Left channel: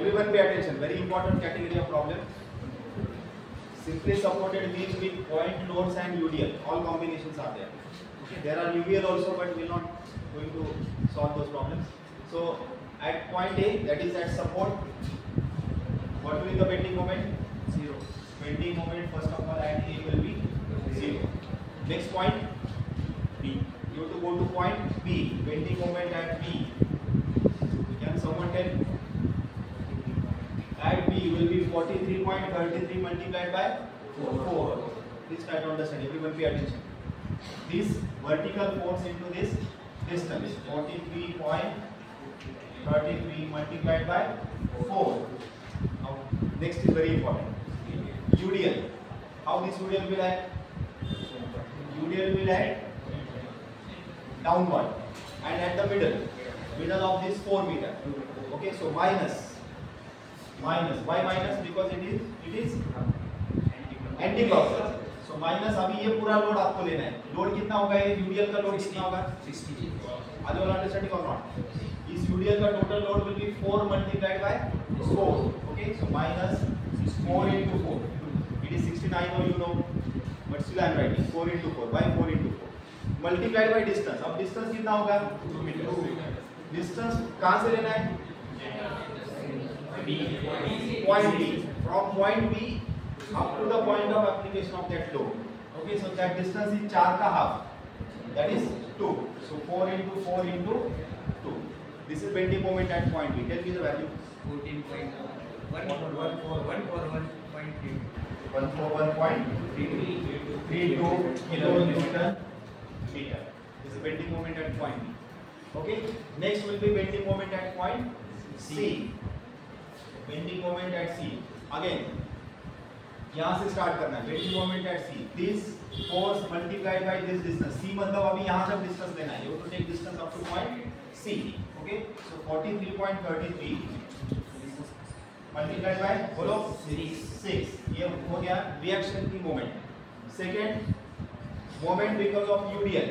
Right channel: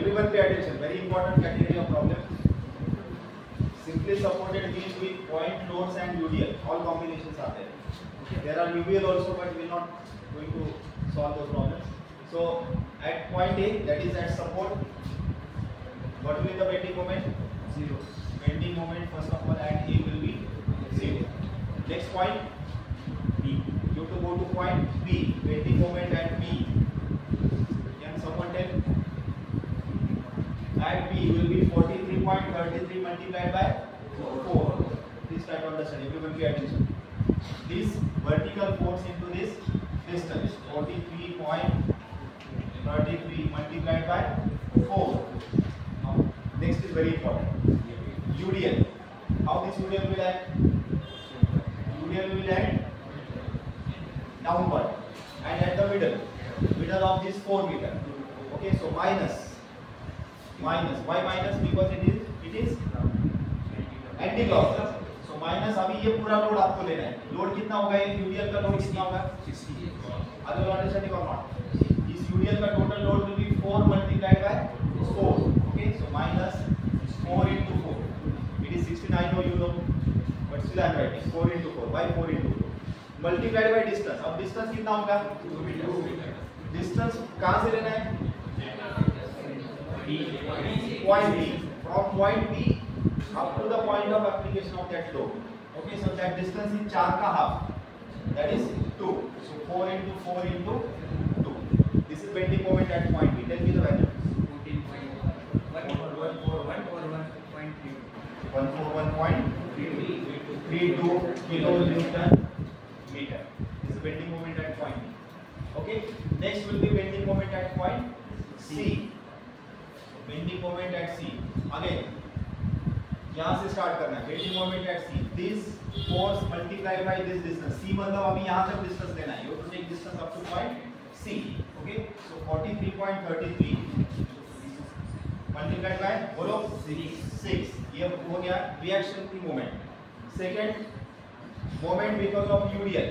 Everyone pay attention. Very important category of problem. Simply supported beam with point loads and UDL. All combinations are there. Okay. There are UVL also, but we will not going to solve those problems. So at point A, that is at support, what will be the bending moment? 0. Bending moment first of all at A will be 0. Next point B. You have to go to point B. Bending moment at B. Can someone tell? At B will be 43.33 multiplied by 4. Please try to understand. Everyone pay attention. This vertical force into this distance 43.33 multiplied by 4. Now next is very important. UDL. How this UDL will act? UDL will act downward and at the middle of this 4 meter. Okay, so minus. Why minus? Because it is anti-clockwise. So minus अभी ये पूरा load आपको लेना है. Load कितना होगा? ये UDL का लोड कितना होगा? 60. Are you understanding or not? इस यूडीएल का total load will be 4 multiplied by 4. Okay, so minus 4 into 4. It is 69. No, you know, but still I am writing 4 into 4. Why 4 into 4? Multiplied by distance. अब distance कितना होगा? 2 metre. Distance कहाँ से लेना है? Point B. From point B up to the point of application of that load. Okay, so that distance is 4 का half. That is 2. So 4 into 4 into 2. This is bending moment at point B. Tell me the value. 141.32 kilonewton meter. This is bending moment at point B. Okay. Next will be bending moment at point C. Bending moment at C. Again, यहाँ से start करना है. Bending moment at C. This force multiplied by this distance. C मतलब अभी यहाँ तक distance लेना है. You have to take distance up to point C. Okay. So 43.33 multiplied by बोलो 6. ये हो गया reaction की moment. Second moment because of UDL.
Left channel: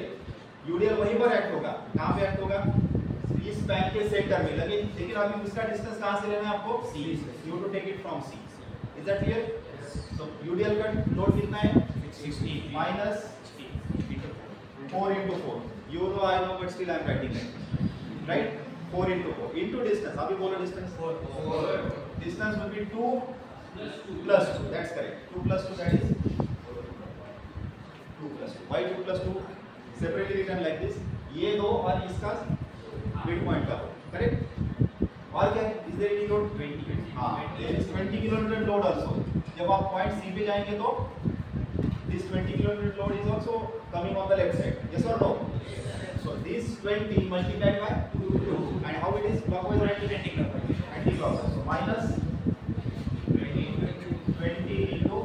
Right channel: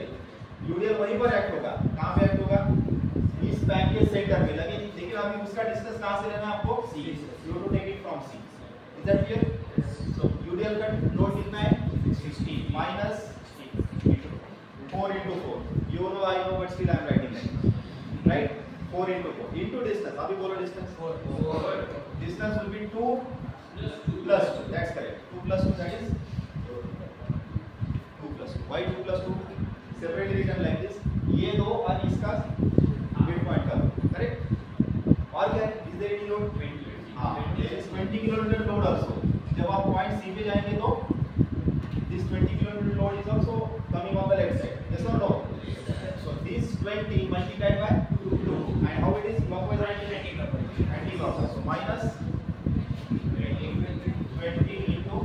UDL वहीं पर एक्ट होगा. कहाँ पे एक्ट होगा? इस पैक के सेंटर में. लेकिन अभी उसका डिस्टेंस कहाँ से लेना है आपको? C. You have to take it from C. Is that clear? So UDL का लोड कितना है? 60 minus 4 into 4. You know, I know, but still I am writing that. Right? 4 into 4 into distance. अभी बोलो distance. 4. Distance will be 2 plus 2. That's correct. 2 plus 2, that is 2 plus 2. Why 2 plus 2? Separately written like this. ये दो और इसका mid point का load. Correct? और क्या है? Is there any load? 20. हाँ. There is 20 kilonewton load also. जब आप पॉइंट C पे जाएंगे तो this 20 kilonewton load is also coming on the left side. Yes or no? So this 20 multiplied by 2. And how it is? Clockwise or anti-clockwise? Anti-clockwise. So minus 20 into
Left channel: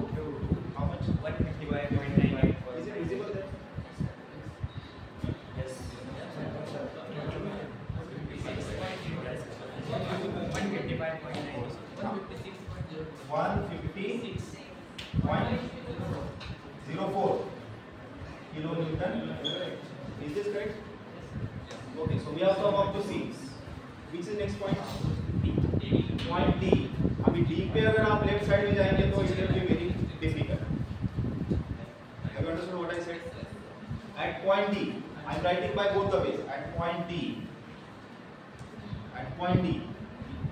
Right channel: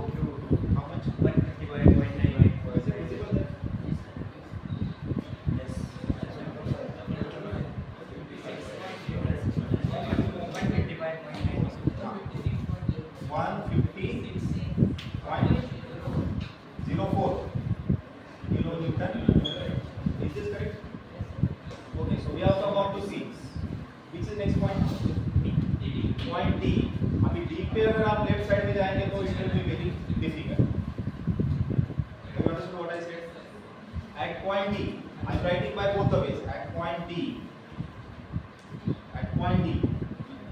how much? 1 divided by 9. Is it visible there? Yes. 150.04 kilonewton. Is this correct? Okay, so we have come up to C. Which is next point? Point D. अभी D पे अगर आप left side में जाएंगे तो it will be very difficult. Have you understood what I said? At point D, I am writing by both the ways. At point D. At point D.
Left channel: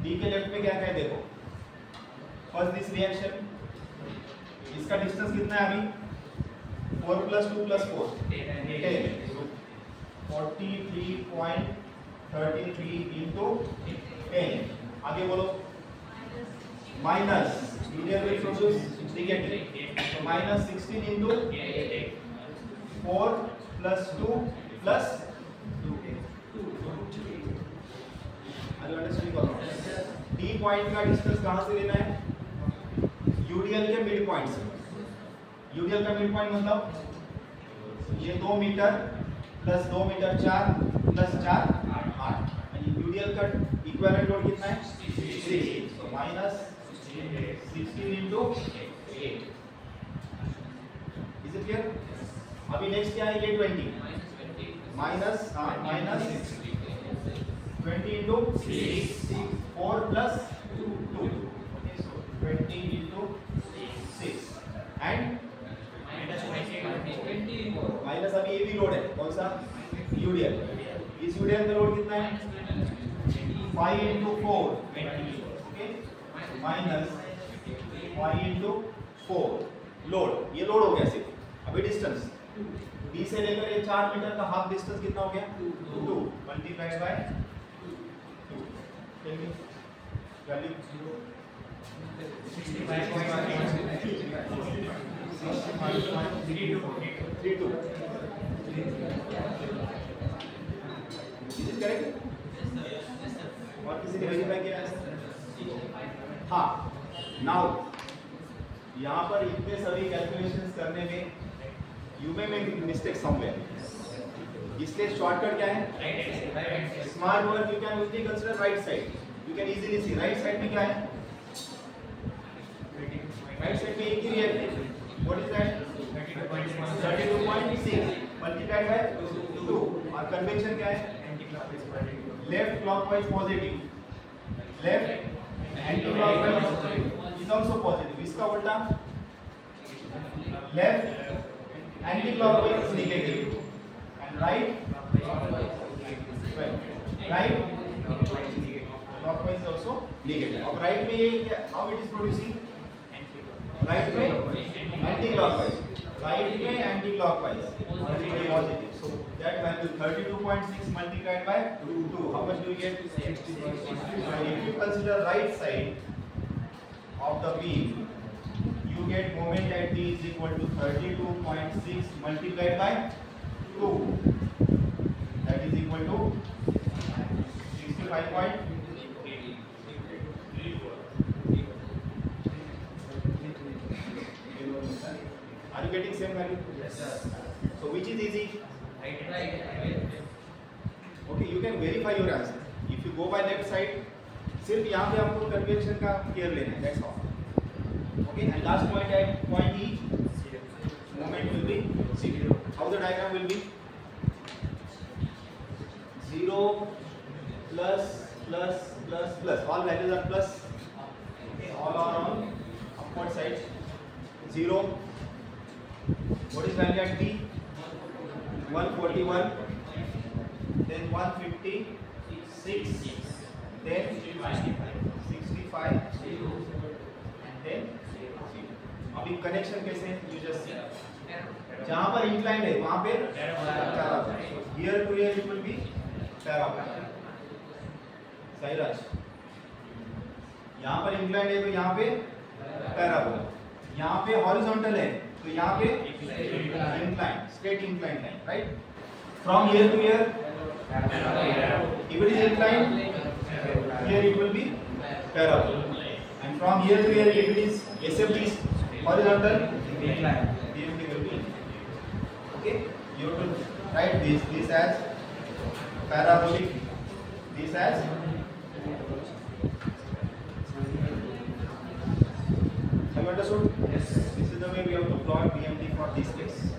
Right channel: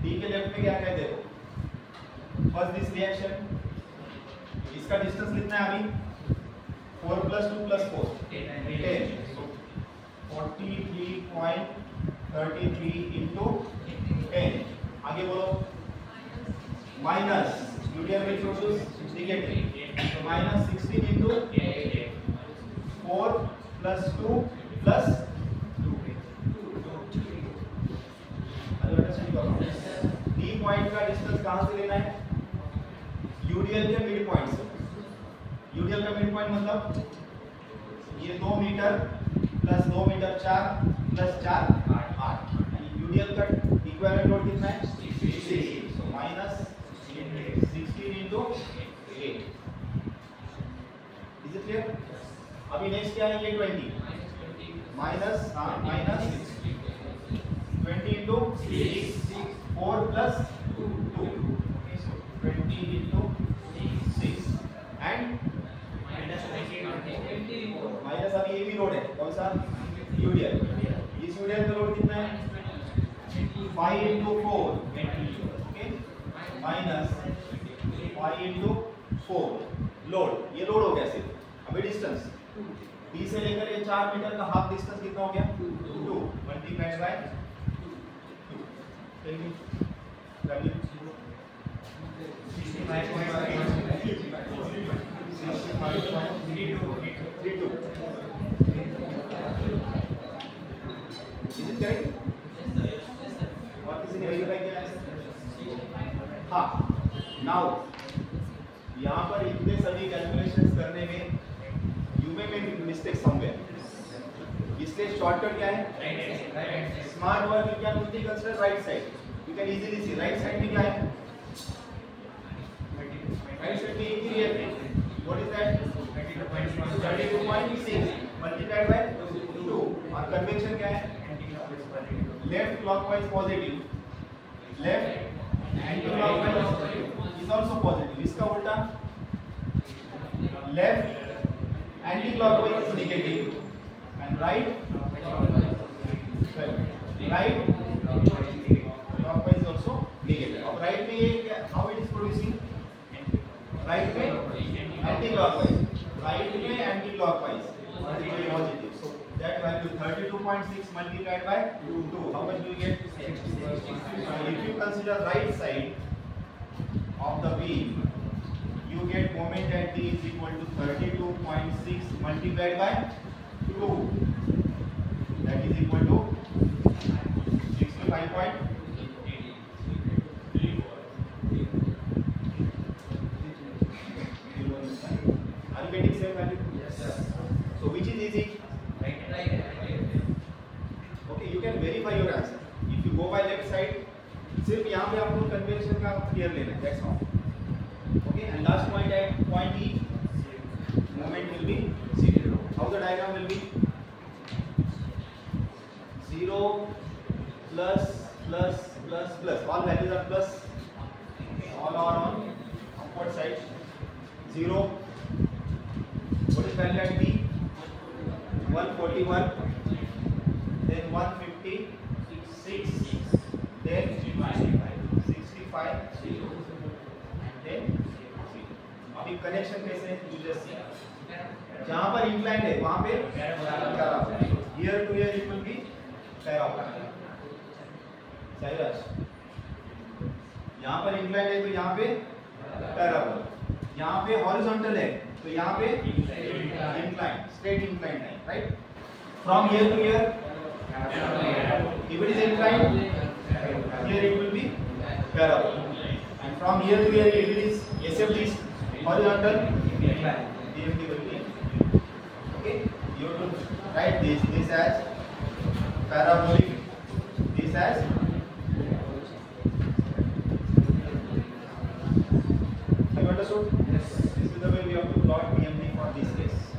D के left में क्या कहते हो? First this reaction. इसका distance कितना है अभी? 4 plus 2 plus 4. 10. So 43.33 into 10. आगे बोलो. Minus. UDL will produce negative. So minus 16 into 4 plus 2 plus 2. D point का डिस्टेंस कहाँ से लेना है? UDL के मिड पॉइंट से. UDL का मिड पॉइंट मतलब ये 2 मीटर प्लस 2 मीटर 4 प्लस 4 8. UDL का इक्विवेलेंट लोड कितना है? 6. So minus 16 into 8. Is it clear? अभी नेक्स्ट क्या है? ये 20 minus 20 into 6. 4 plus 2. Okay, so 20 into 6 and minus अभी ये भी लोड है कौन सा यूडीएल इस यूडीएल का लोड कितना है 5 into 4 okay minus 5 into 4 load ये लोड हो गया सिर्फ अभी डिस्टेंस D से लेकर ये 4 मीटर का हाफ डिस्टेंस कितना हो गया 2 multiplied by 2 value 65.32 is correct और किसी ने वेरीफाई किया है हाँ नाउ यहाँ पर इतने सभी कैलकुलेशंस करने में यू में मिस्टेक समवेयर इसलिए शॉर्टकट क्या है small work you can only consider right side you can easily see right side में क्या है राइट साइड में एक ही reactant what is that 32.6 multiplied by 2 और कन्वेंशन क्या है left clockwise positive left anti clockwise is also positive इसका उल्टा left anti clockwise negative and right clockwise also negative अब राइट में ये how it is producing right में anti clockwise right में anti clockwise positive so that value 32.6 multiplied by 2 how much do you get 66 if you consider right side of the beam you get moment at D is equal to 32.6 multiplied by 2 that is equal to 65.8 are you getting same value yes so which is easy right okay you can verify your answer if you go by left side सिर्फ यहाँ पे आपको convention का care लेना है that's all okay and last point at point E moment will be 0 how the diagram will be 0 plus plus plus plus all values are plus okay all are on upward side 0 what is value at D 141 then 156 then 65 and then 0 अभी connection कैसे है you just see जहाँ पर inclined है वहाँ पे parabola here to here it will be parabola Sairaj यहाँ पर इंक्लाइंड है तो यहाँ पे पैराबोला यहाँ पे हॉरिजॉन्टल है तो यहाँ पे incline straight incline line right from here to here if it is inclined here it will be parallel and from here to here if it is SFG is horizontal DFT will be okay you have to write this as parabolic this as you understood yes this is the way we have to plot BMP for this case